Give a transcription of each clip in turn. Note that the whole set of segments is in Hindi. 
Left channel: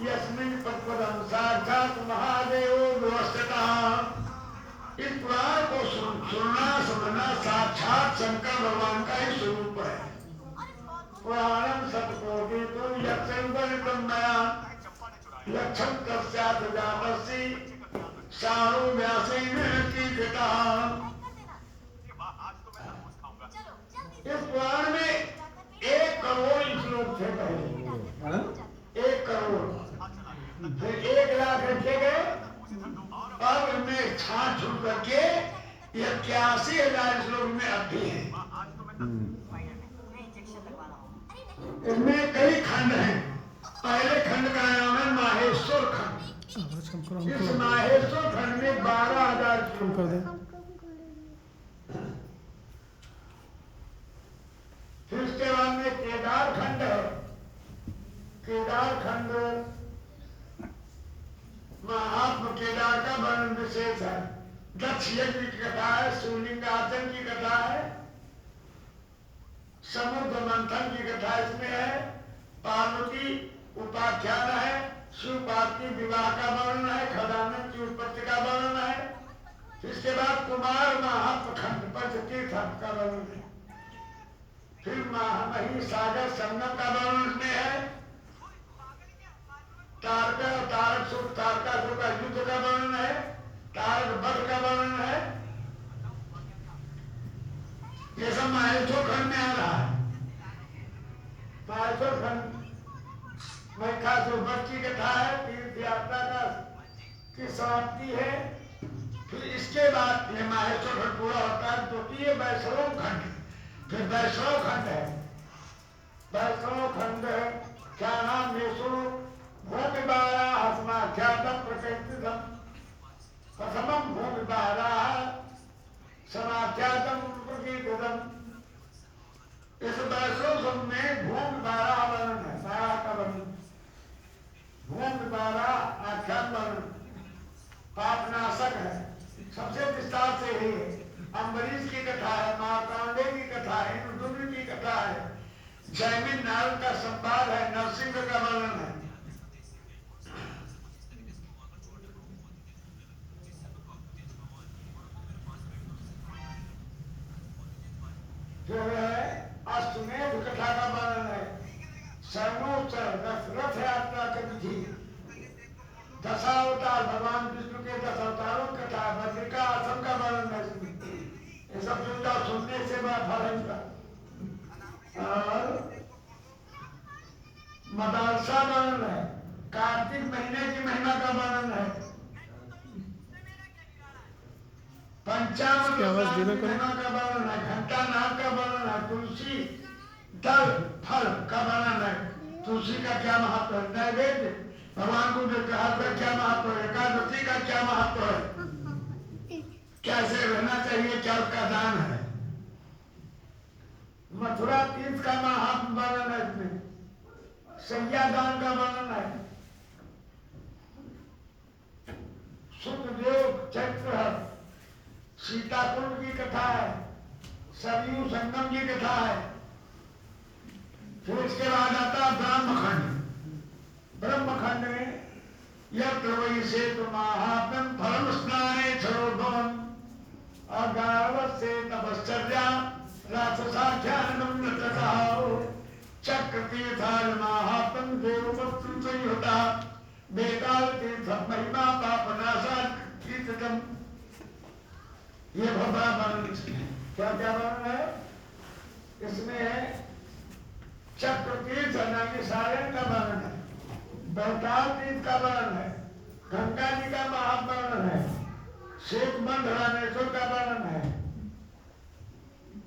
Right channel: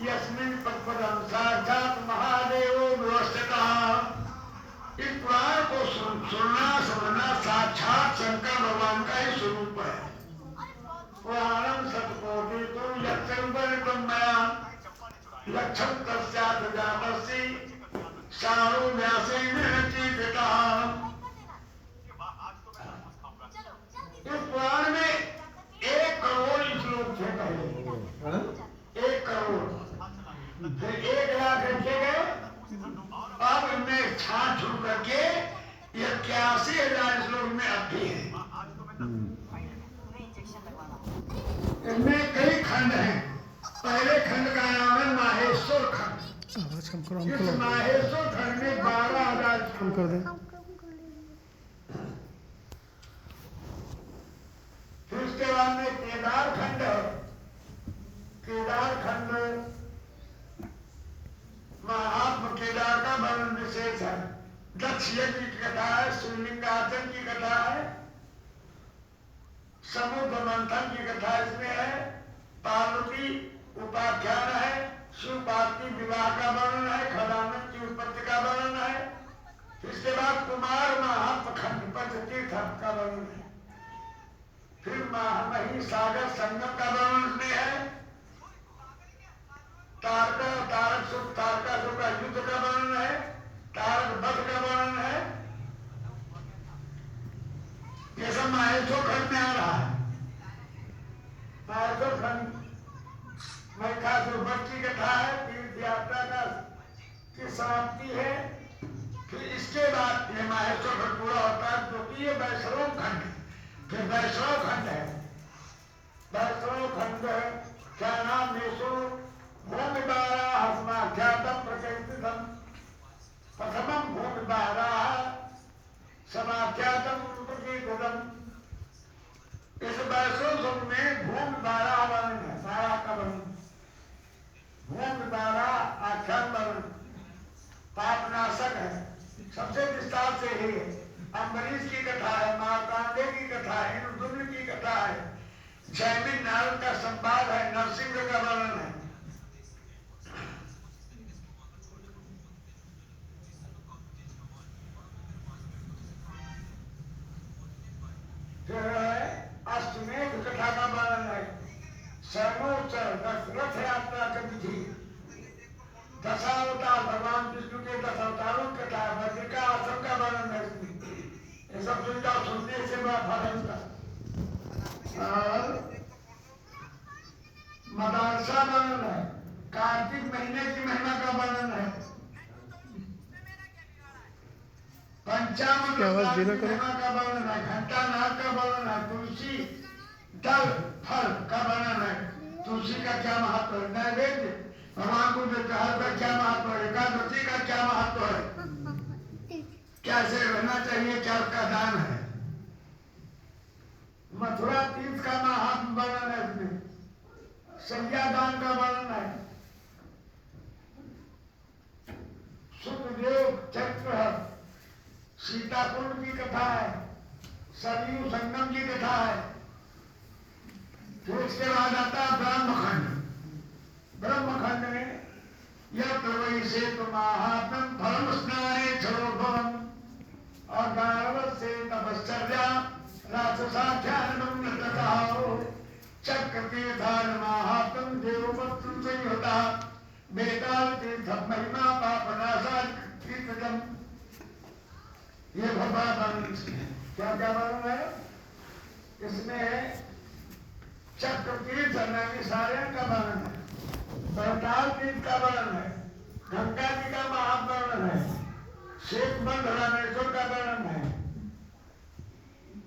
यस्मिन् तत्पदं साक्षात् महादेवो व्यवस्थितः। इस पुराण को सुनना समझना साक्षात शंकर भगवान का ही स्वरूप है। पुराणम सतकोटि तुम लक्षण मया लक्षण तस्यात् जातस्य सारो व्यासेन कीर्तितः। इस पुराण में 1 करोड़ श्लोक थे पहले, 1 करोड़, फिर 1 लाख रखे गए। अब इनमें छाट छूट करके 81,000 श्लोक में अभी है। इनमें कई खंड हैं। पहले खंड का नाम है माहेश्वर खंड। इस माहेश्वर खंड में 12,000 श्लोक कर दें। फिर उसके बाद में केदार खंड है। केदार खंड महात्मा केदार का वर्णन विशेष है। दक्ष यज्ञ की कथा है, शिवलिंगासन की कथा है, समुद्र मंथन की कथा इसमें है, पार्वती उपाख्यान है, शिव पार्वती विवाह का वर्णन है, खदानंद की उत्पत्ति का वर्णन है। इसके बाद कुमार महात्मा खंड पंचतीर्थ का वर्णन है। फिर मही सागर संगम का वर्णन में है। तारक सुख तारका सुख का युद्ध का वर्णन है। तारक वध का वर्णन है। ये सब माहेश्वर खंड में आ रहा है। माहेश्वर खंड में खासुर वध की कथा है, तीर्थ यात्रा का की समाप्ति है। फिर इसके बाद ये माहेश्वर खंड पूरा होता है, जो कि ये वैष्णव खंड, फिर वैष्णव खंड है। वैष्णव खंड क्या नाम मेषो भूमि बारा हस्माख्यातम प्रकृतितम प्रथमम भूमि बारा समाख्यातम प्रकृतितम। इस वैष्णव में भूमि बारा वर्णन है, बारा का वर्णन, भूमि बारा आख्यान वर्णन पापनाशक है। सबसे विस्तार से ही अम्बरीश की कथा है, मार्तांडे की कथा है, इंद्रदुम्न की कथा है, जैमिन नारद का संवाद है, नरसिंह का वर्णन है। अष्टमेध कथा का वर्णन है, सर्वोच्चर रथ यात्रा की विधि, दशावतार भगवान विष्णु के 10 अवतारों की कथा, बद्रिका आश्रम का वर्णन है। ये सब सुनता सुनने से बड़ा फल है इसका। और मदरसा वर्णन है, कार्तिक महीने की महिमा का वर्णन है, पंचामृत का वर्णन है, घंटा नाग का वर्णन है, तुलसी दल फल का वर्णन है। तुलसी का क्या महत्व है, नैवेद्य भगवान को जो कहा का क्या महत्व है, एकादशी का क्या महत्व है, कैसे रहना चाहिए, क्या उसका दान है। मथुरा तीर्थ का महात्म वर्णन है इसमें, संज्ञादान का वर्णन है, सुखदेव चैत्र सीताकुंड की कथा है, सरयू संगम की कथा है। फिर उसके बाद आता है ब्रह्मखंड। ब्रह्मखंड में यत्र वै सेतु महात्म फलम स्नाने क्षरोभवम अगारवत् से तपश्चर्या राक्षसाख्यानम नृतताओ चक्र तीर्थान महात्म देववत्तम संयुता बेताल तीर्थ महिमा पापनाशा कीर्तनम। ये भगवान वर्णन क्या क्या वर्णन है इसमें, चक्र तीर्थ सारण का वर्णन है, बेताल तीर्थ का वर्णन है, गंगा जी का महावर्णन है, शेख बंध रामेश्वर का वर्णन है,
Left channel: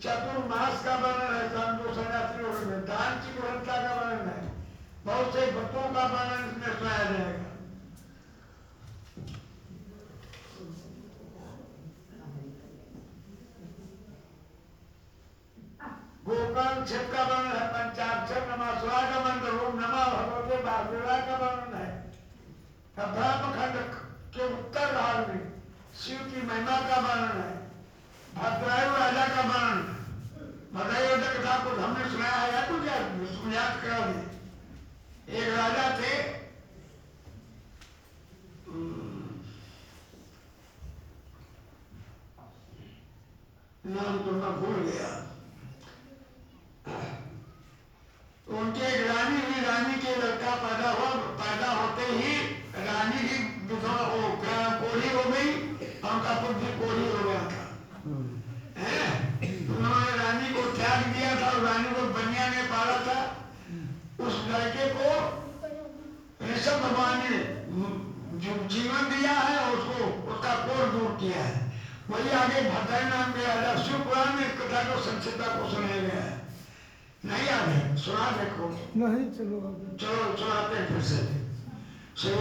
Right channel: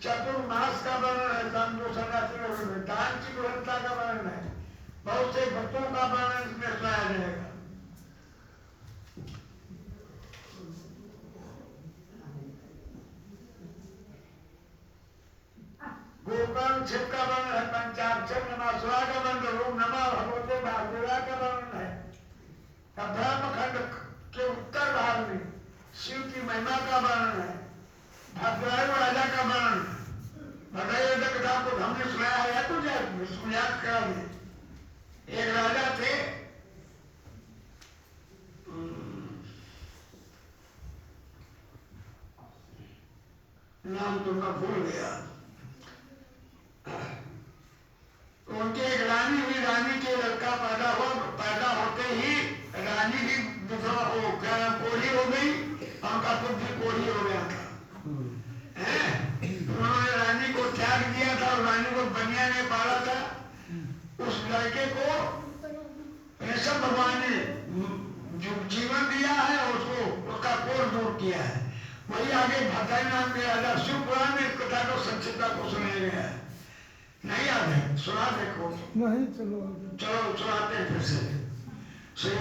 चतुर्मास का वर्णन है, दान की गुणवत्ता का वर्णन है, बहुत से भक्तों का वर्णन इसमें सुनाया जाएगा। गोपाल छिप का वर्णन है, पंचाक्षर नमः का मंत्र, ओम नमः भगवते वासुदेवाय का वर्णन है। ब्रह्मखंड के उत्तर भाग में शिव की महिमा का वर्णन है, भद्रायु राजा का वर्णन है। भद्रायु राजा कथा को हमने सुनाया है, या तो याद करा दे। एक राजा थे भूल गया। उनके एक रानी हुई, रानी के लड़का पैदा हुआ, पैदा होते ही रानी की विधवा हो कोढ़ी हो गई, उनका पुत्र कोढ़ी हो गया था। उन्होंने रानी को त्याग दिया था और रानी को बनिया में पाला था। उस लड़के को ऋषभ भगवान ने जो जीवन दिया है उसको उसका कोढ़ दूर किया है। वही आगे भद्राई नाम के राजा शिव पुराण में इस कथा को संक्षिप्ता को सुनाया गया है। नहीं याद है? सुना देखो। नहीं, चलो चलो सुनाते हैं फिर से। श्री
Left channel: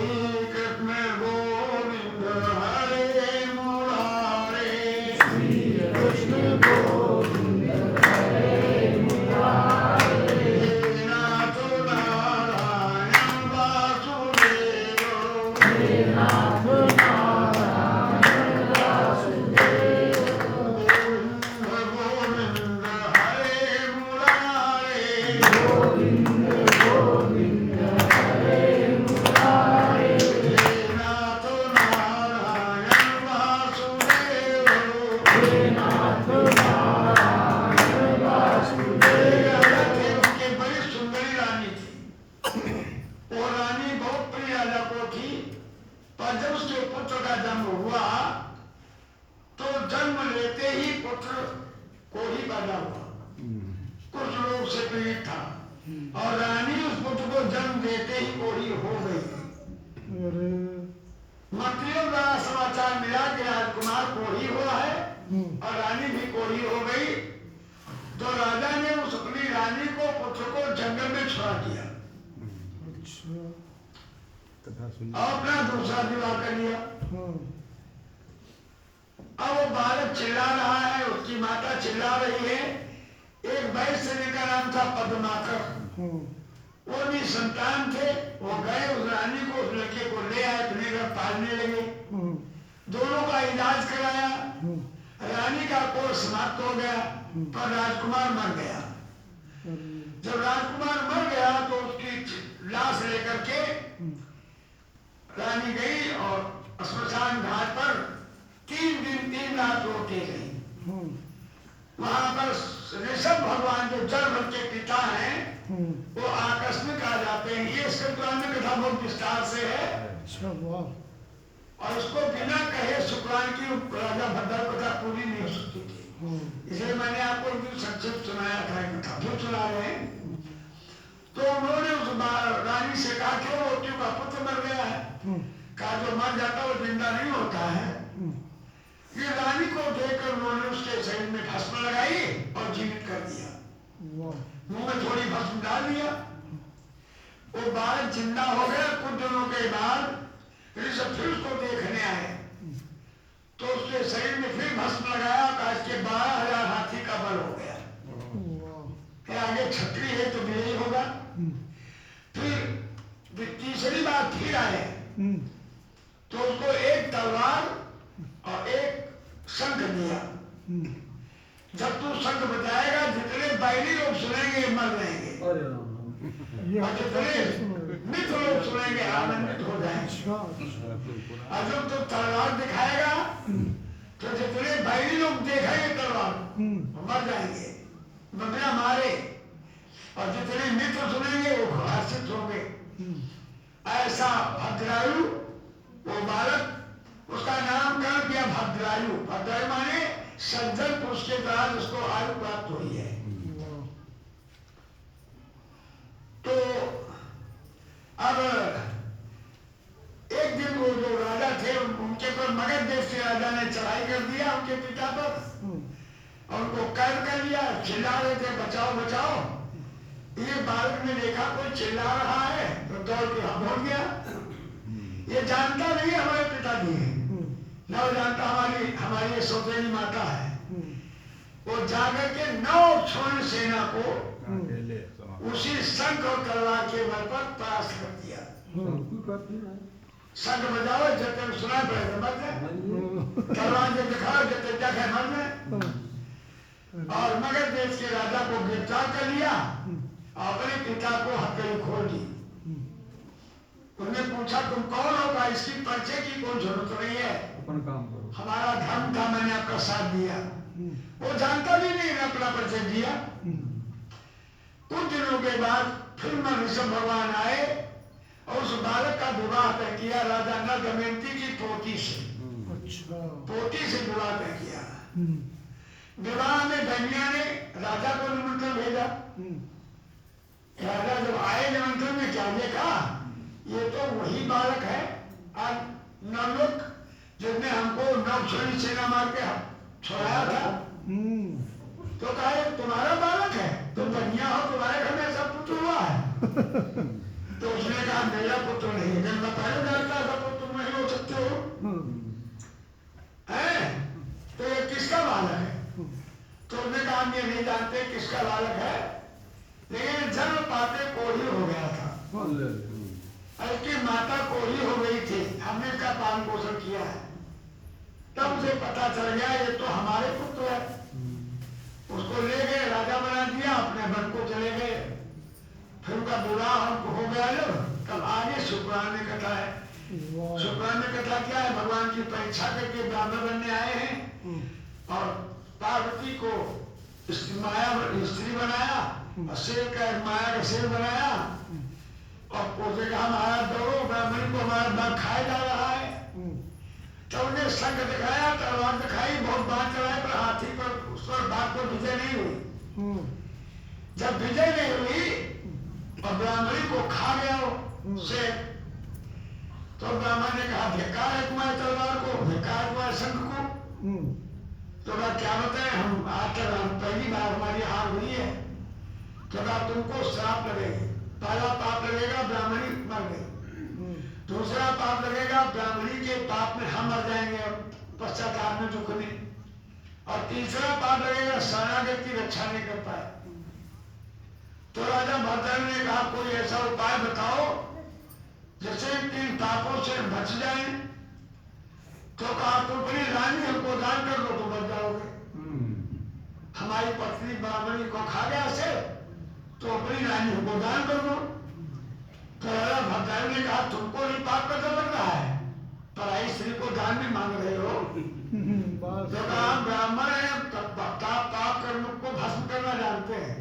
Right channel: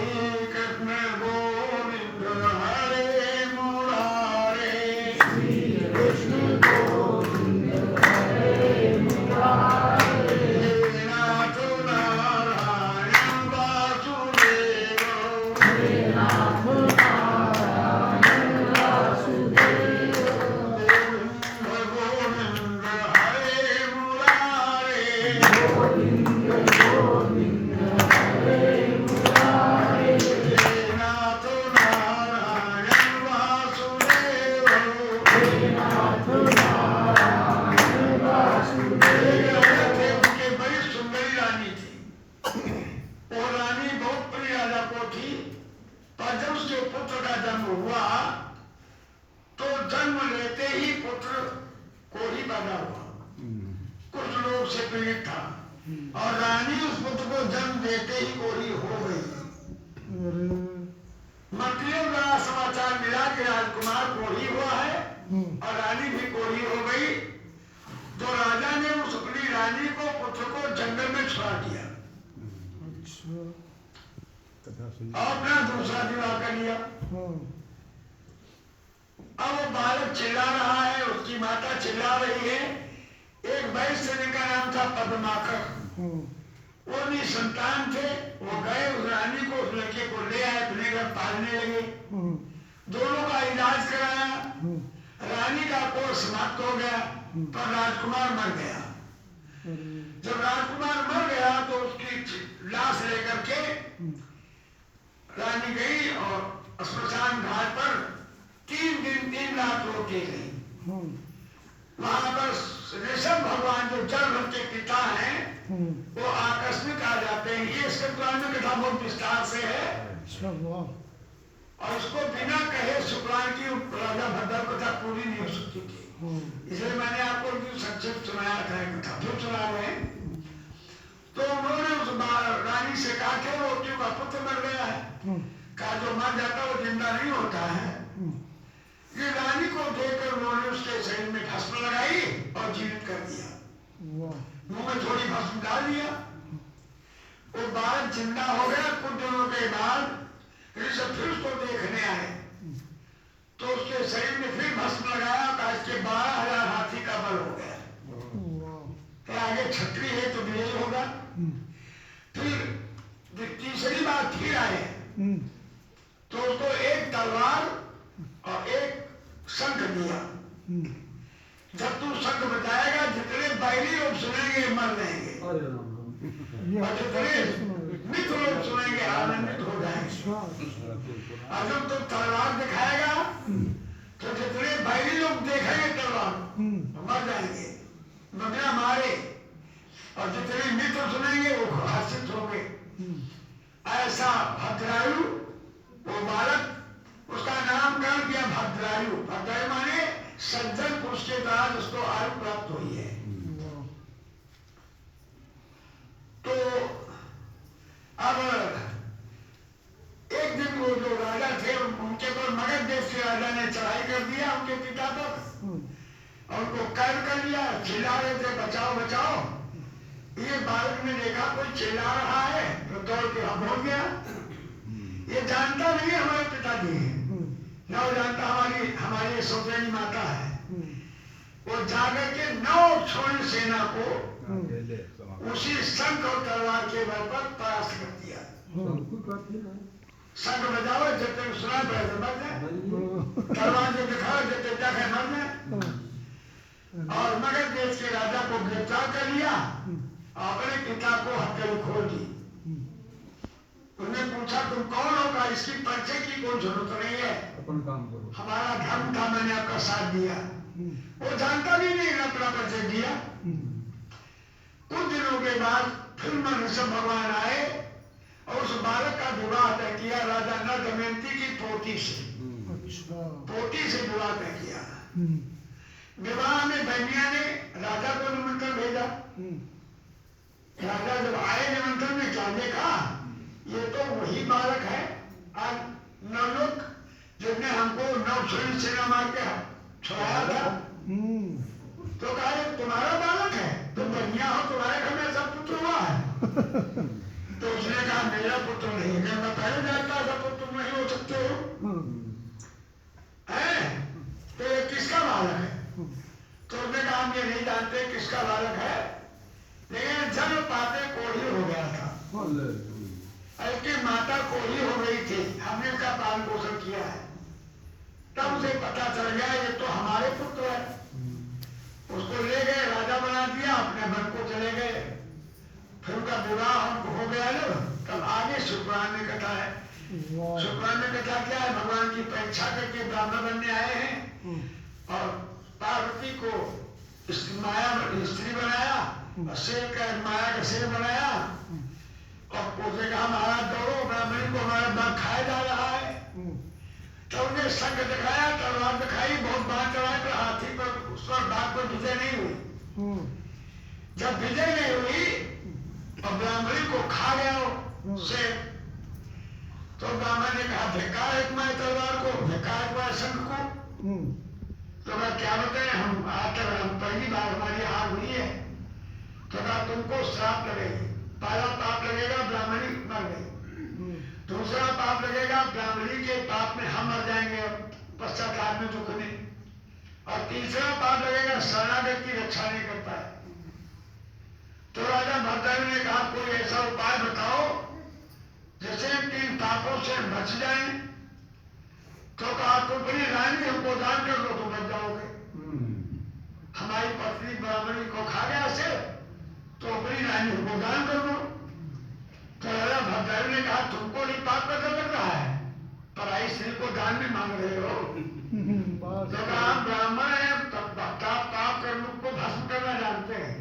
कृष्ण गोविंद हरे मुरारे, श्री कृष्ण गोविंद हरे मुरारे, हे नाथ नारायण वासुदेव, हे नाथ नारायण वासुदेव, गोविंद हरे मुरारे, गोविंद गोविंद हरे मुरारे, हे नाथ नारायण वासुदेव। हे नाथ नारायण वासुदेव। राजा थे, उनके बड़ी सुंदरी रानी थी। वो रानी बहुत प्रिय राजा को थी। पर जब उसके पुत्र का जन्म हुआ तो जन्म लेते ही पुत्र कोढ़ी पैदा हुआ। कुछ लोग से पीड़ित था और रानी उस पुत्र को जन्म देते ही कोढ़ी हो गई। अरे मंत्रियों द्वारा समाचार मिला कि राजकुमार कोढ़ी हुआ है और रानी भी कोढ़ी हो गई। तो राजा ने उस अपनी रानी को पुत्र को जंगल में छुड़ा दिया अच्छा, और अपना दूसरा विवाह कर लिया। हाँ, अब वो बालक चिल्ला रहा है, उसकी माता चिल्ला रही है। एक वैश्य का नाम था पद्माकर, हाँ, वो भी संतान थे। वो गए उस रानी को, उस लड़के को ले आए, अपने घर पालने लगे। हाँ, दोनों का इलाज कराया। हाँ, रानी का कोर्स समाप्त हो गया पर राजकुमार मर गया। अरे जब राजकुमार मर गया तो उसकी लाश लेकर के रानी गई और श्मशान घाट पर 3 दिन 3 रात रोके गई। हाँ, वहां पर ऋषभ भगवान जो जल के पिता हैं हाँ, वो आकस्मिक आ जाते हैं। ये इसके पुराण में कथा बहुत विस्तार से है अच्छा, वाह, और उसको बिना कहे शुक्रान की राजा भद्र कथा पूरी नहीं हो सकती थी। हाँ, इसलिए मैंने आपको एक संक्षिप्त सुनाया था, कथा फिर सुना रहे हैं। तो उन्होंने उस रानी से कहा कि वो क्यों का पुत्र मर गया है। हाँ, कहा जो मर जाता वो जिंदा नहीं होता है। हाँ, ये रानी को देखकर उन्होंने उसके शरीर में भस्म लगाई और जीवित कर दिया। वाह, मुंह में थोड़ी भस्म डाल दिया। वो बालक जिंदा हो गया। कुछ दिनों के बाद ऋषभ फिर उसको देखने आए तो उसके शरीर में फिर भस्म लगाया। कहा इसके 12,000 हाथी का बल हो गया। वाह, फिर आगे छतरी है तो भी यही होगा। फिर तीसरी बार फिर आए तो उसको एक तलवार और एक शंख दिया। जब तू शंख बजाएगा जितने बैली लोग सुनेंगे मर जाएंगे ये और जितने मित्र लोग सुनेंगे आनंदित हो जाएंगे। अच्छा, और जब तू तलवार दिखाएगा तो जितने बैली लोग देखेंगे तलवार तो मर जाएंगे, बगला मारे, और जितने मित्र सुनेंगे वो हर्षित होंगे। ऐसा भद्रायु वो बालक, उसका नामकरण किया भद्रायु। भद्रायु माने सज्जन पुरुष के द्वारा उसको आयु प्राप्त हुई है। वाह, तो अब एक दिन वो जो राजा थे उनके पर मगध देश के राजा ने चढ़ाई कर दिया उनके पिता पर और उनको कैद कर लिया। चिल्ला रहे थे बचाओ बचाओ। ये बालक ने देखा कोई चिल्ला रहा है तो दौड़ के हम हो गया। ये जानता नहीं है हमारे पिताजी हैं, न वो जानता हमारी सौतेली माता है। वो जाकर के 9 छोड़ी सेना को उसी शंख और तलवार के बल पर परास्त कर दिया। शंख बजाओ जब तक सुना पड़े तो मर जाए, तलवार जब दिखाओ जब तक जाके मर जाए। और मगध देश के राजा को गिरफ्तार कर लिया और अपने पिता को हथकड़ी खोल दी। उन्होंने पूछा तुम कौन होगा, इसकी परिचय की कोई जरूरत नहीं है, अपन काम करो। हमारा धर्म था, मैंने आपका साथ दिया। वो जानता भी नहीं, अपना परिचय दिया। कुछ दिनों के बाद फिर ऋषभ भगवान आए और उस बालक का विवाह तय किया राजा नल दमयंती की पोती से। अच्छा। पोती से विवाह तय किया। विवाह में बहनिया ने राजा को निमंत्रण भेजा। राजा जब आए निमंत्रण में क्या देखा, ये तो वही बालक है आज नवलोक जिसने हमको नवसैनिक सेना मार के छुड़ाया था। तो कहा ये तुम्हारा बालक है, तुम बनिया हो, तुम्हारे घर में ऐसा पुत्र हुआ है। तो उसने कहा मेरा पुत्र नहीं है, मैं पहले जानता था तो तुम नहीं हो सकते हो। तो ये किसका बालक है? तो उसने कहा हम ये नहीं जानते किसका बालक है, लेकिन जन्म पाते कोढ़ी हो गया था। इसकी माता कोढ़ी हो गई थी, हमने इसका पालन पोषण किया है। तब उसे पता चल गया ये तो हमारे पुत्र है। उसको ले गए, राजा बना दिया, अपने वन को चले गए। फिर उनका विवाह हो गया जब, तब आगे शुक्रान में कथा है। शुक्रान में कथा क्या है, भगवान की परीक्षा करके ब्राह्मण बनने आए हैं और पार्वती को स्त्री बनाया और शेर का माया का शेर बनाया और उसे कहा महाराज दौड़ो, ब्राह्मणी को हमारा बाघ खाया जा रहा है। तो उन्हें संग दिखाया, तलवार दिखाई, बहुत बात चढ़ाए, पर हाथी पर उस पर बाघ पर विजय नहीं हुई। जब विजय नहीं हुई और ब्राह्मणी को खा गया शेर, तो ब्राह्मण ने कहा धिक्कार है तुम्हारी तलवार को, धिक्कार तुम्हारे संग को। तो मैं क्या बताएं, हम आज तक हम पहली बार हमारी हार हुई है। तो कहा तुमको श्राप लगेगी, पहला पाप लगेगा ब्राह्मणी मर गई, दूसरा पाप लगेगा ब्राह्मणी के पाप में हम मर जाएंगे पश्चाताप में दुख में, और तीसरा पाप लगेगा शरणागत की रक्षा नहीं कर पाए। तो राजा भरद्वाज ने कहा कोई ऐसा उपाय बताओ जैसे तीन पापों से बच जाए। तो कहा तुम अपनी रानी हमको दान कर दो तो बच जाओगे। हमारी पत्नी ब्राह्मणी को खा गया से, तो अपनी रानी हमको दान कर दो। तो राजा भरद्वाज ने कहा तुमको नहीं पाप का डर लग रहा है, पराई स्त्री को दान में मांग रहे हो। तो कहा ब्राह्मण है, पाप कर्म को भस्म करना जानते हैं।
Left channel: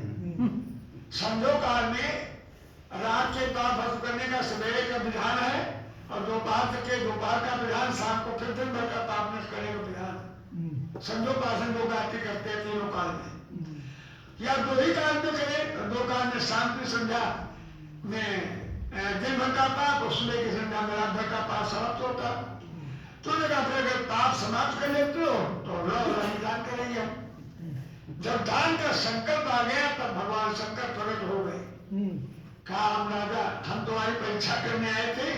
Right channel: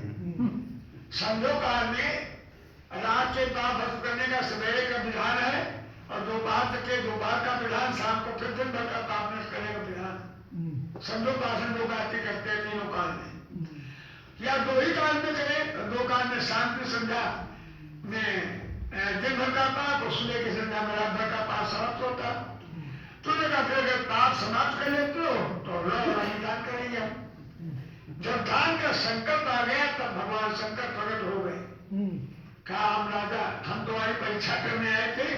संध्या काल में रात के पाप भस्म करने का सवेरे का विधान है और दोपहर का विधान, शाम को फिर दिन भर का पाप नष्ट करने का विधान। संध्योपासन लोग आरती करते हैं तीनों काल में, या दो ही काल में करे। दो काल में शांति संध्या में दिन भर का पाप और सुबह की संध्या में रात भर का पाप समाप्त होता। तो देखा फिर अगर पाप समाप्त कर लेते हो तो दान करेंगे। जब दान का संकल्प आ गया तब भगवान शंकर प्रकट हो गए। कहा हम राजा, हम तुम्हारी परीक्षा करने आए थे,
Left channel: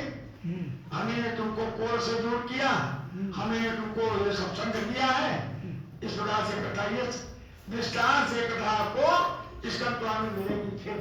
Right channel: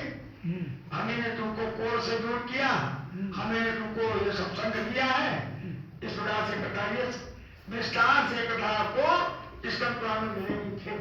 हमने तुमको कोर से दूर किया, हमने तुमको ये सब संग दिया है। इस प्रकार से कथा ये विस्तार से कथा को इस मिलेगी।